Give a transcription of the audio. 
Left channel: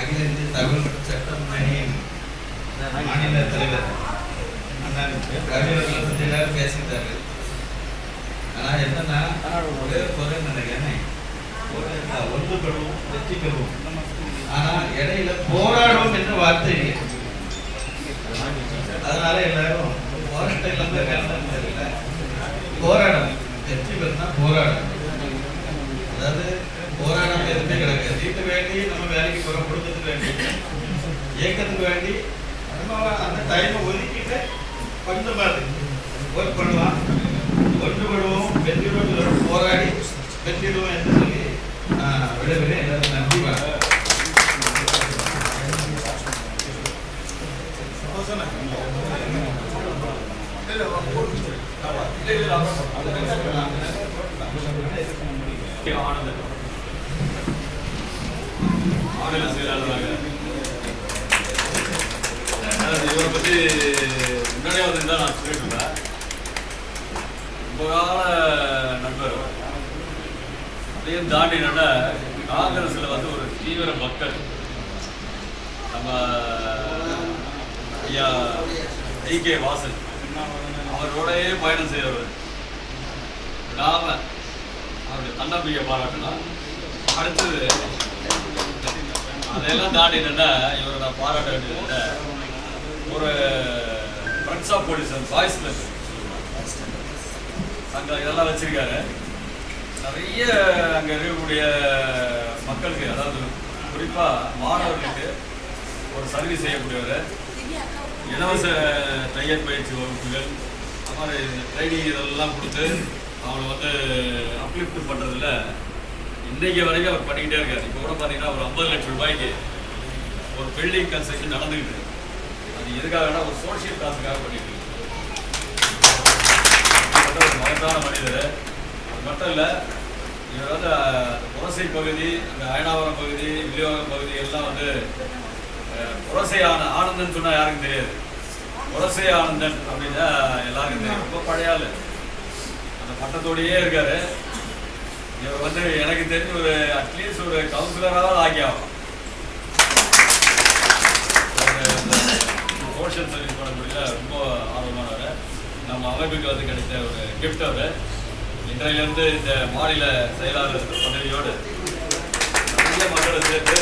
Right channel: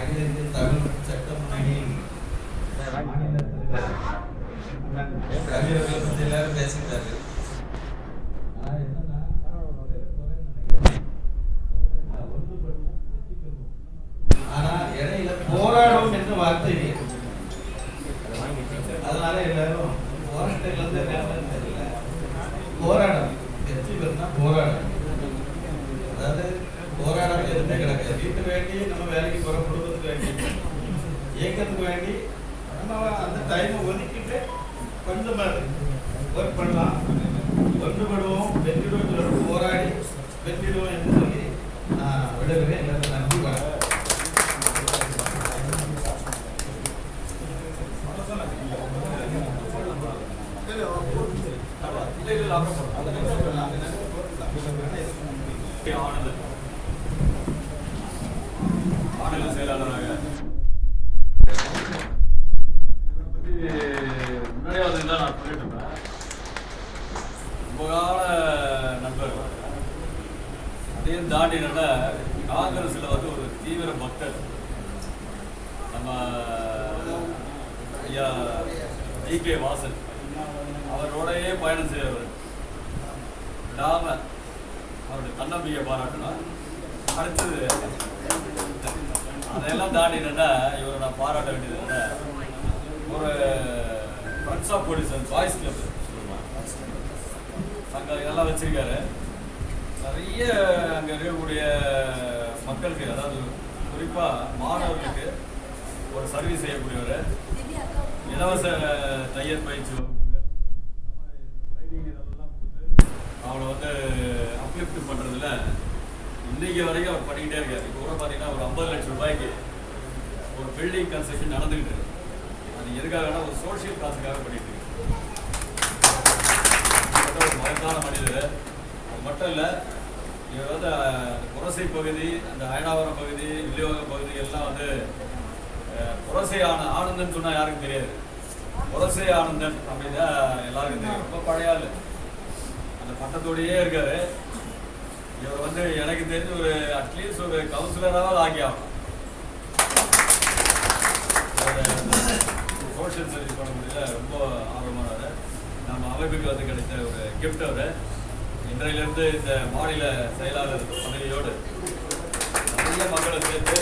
அகில இந்திய தமிழ் சட்டம் அணியின் மாநில தலைவர் கவிஞர்கள் கவிஞர்களை பற்றி எல்லாரும் பேசிட்டாரு ஆனா என்னன்னா ஒரே குறை நினைக்கிறேன் ஒன்று பெறுவோம் வெற்றி பெறுவோம். ஆனால் இடையில போராடும் என்ற வார்த்தை போராடாம எதுவுமே கிடையாது வீட்டு வேண்டி நம்ம வேலைக்கு போகிற குடும்பத்துக்கு வேண்டி. இயக்கத்துக்கு வேண்டி நம்ம அந்த டைமை ஒதுக்கிட்டு கொஞ்சம் ஒர்க் பண்ணலாம். ஒன்றுபடுவோம் வெற்றிடுவோம் போராடி வெற்றிடுவோம் என்று சொல்லி நான் விடுகிறேன் நன்றி வணக்கம். ஆனந்த மாநில செயலாளராக. அதாவது இவரை பற்றி முன்னாடியே வந்து நான் சொல்லிட்டு இருந்தேன் ரொம்ப கால நண்பர். அதையும் தாண்டி என்னன்னா காங்கிரஸில் வந்து ஒரு தீவிர மக்கள் நம்ம ஐயா ஐ கே வாசன். அவரோடையே பயணம் செய்கிறவர் விடாம அவருடைய தன்னம்பிக்கை பாராட்டலாம். அடுத்தது அதெல்லாம் தாண்டி என்னன்னா இவரை நான் பாராட்ட வேண்டியது என்ன ஒரு friends of police boys club அங்கே இதெல்லாம் வச்சிருக்காரு. நிறைய அங்கே இருக்கக்கூடிய மக்களுக்கு அதாவது குறிப்பாக மாணவர்களுக்கு ஒரு சர்வீஸ் செய்யக்கூடியவர். இலவச தையல் பயிற்சி வகுப்புகள் அந்த மாதிரி ட்ரைனிங் இதெல்லாம் கொடுத்து அவளை வந்து அப்லிஃப்ட் பண்ணுறதுல இன்னைக்கு வரைக்கும் அவர் பண்ணிக்கிட்டே இருக்காரு. இப்போ கூட பார்த்தீங்கன்னா ஒரு ஐம்பது லட்சம் ரூபாய்க்கு ஒரு பில்டிங் கன்ஸ்ட்ரக்ஷன் நடந்துகிட்டு இருக்கு. அது எதுக்காகனா ஒரு சோசியல் காசுக்காக பண்ணிட்டு இருக்கு. ஒரு மகத்தான மனிதர். அது மட்டும் இல்லை இவர் வந்து புரசை பகுதி அந்த அயனாவரம் பகுதி வில்லிவாக்கம் பகுதி எல்லாம் வந்து புரசை ஆன ஆனந்தன் சொன்னால் யாருக்கும் தெரியாது. புரசை ஆனந்தன் அப்படின்னா எல்லாருக்கும் தெரியும். ரொம்ப பழையாள் அந்த பட்டத்தோடயே இருக்காரு. வந்து எனக்கு தெரிஞ்ச ஒரு அட்லீஸ்ட் ஒரு கவுன்சிலராக ஆகி ஆகலாம் சோஷியல் சர்வீஸ் பண்ணக்கூடிய ரொம்ப ஆர்வமானவர் நம்ம அமைப்புக்கு வந்து கிடைத்த ஒரு கிஃப்ட் அவர் இன்றையிலிருந்து இந்த மாநில செயலாளர் பதவியோடு நிறைய மக்களோடு சேர்த்து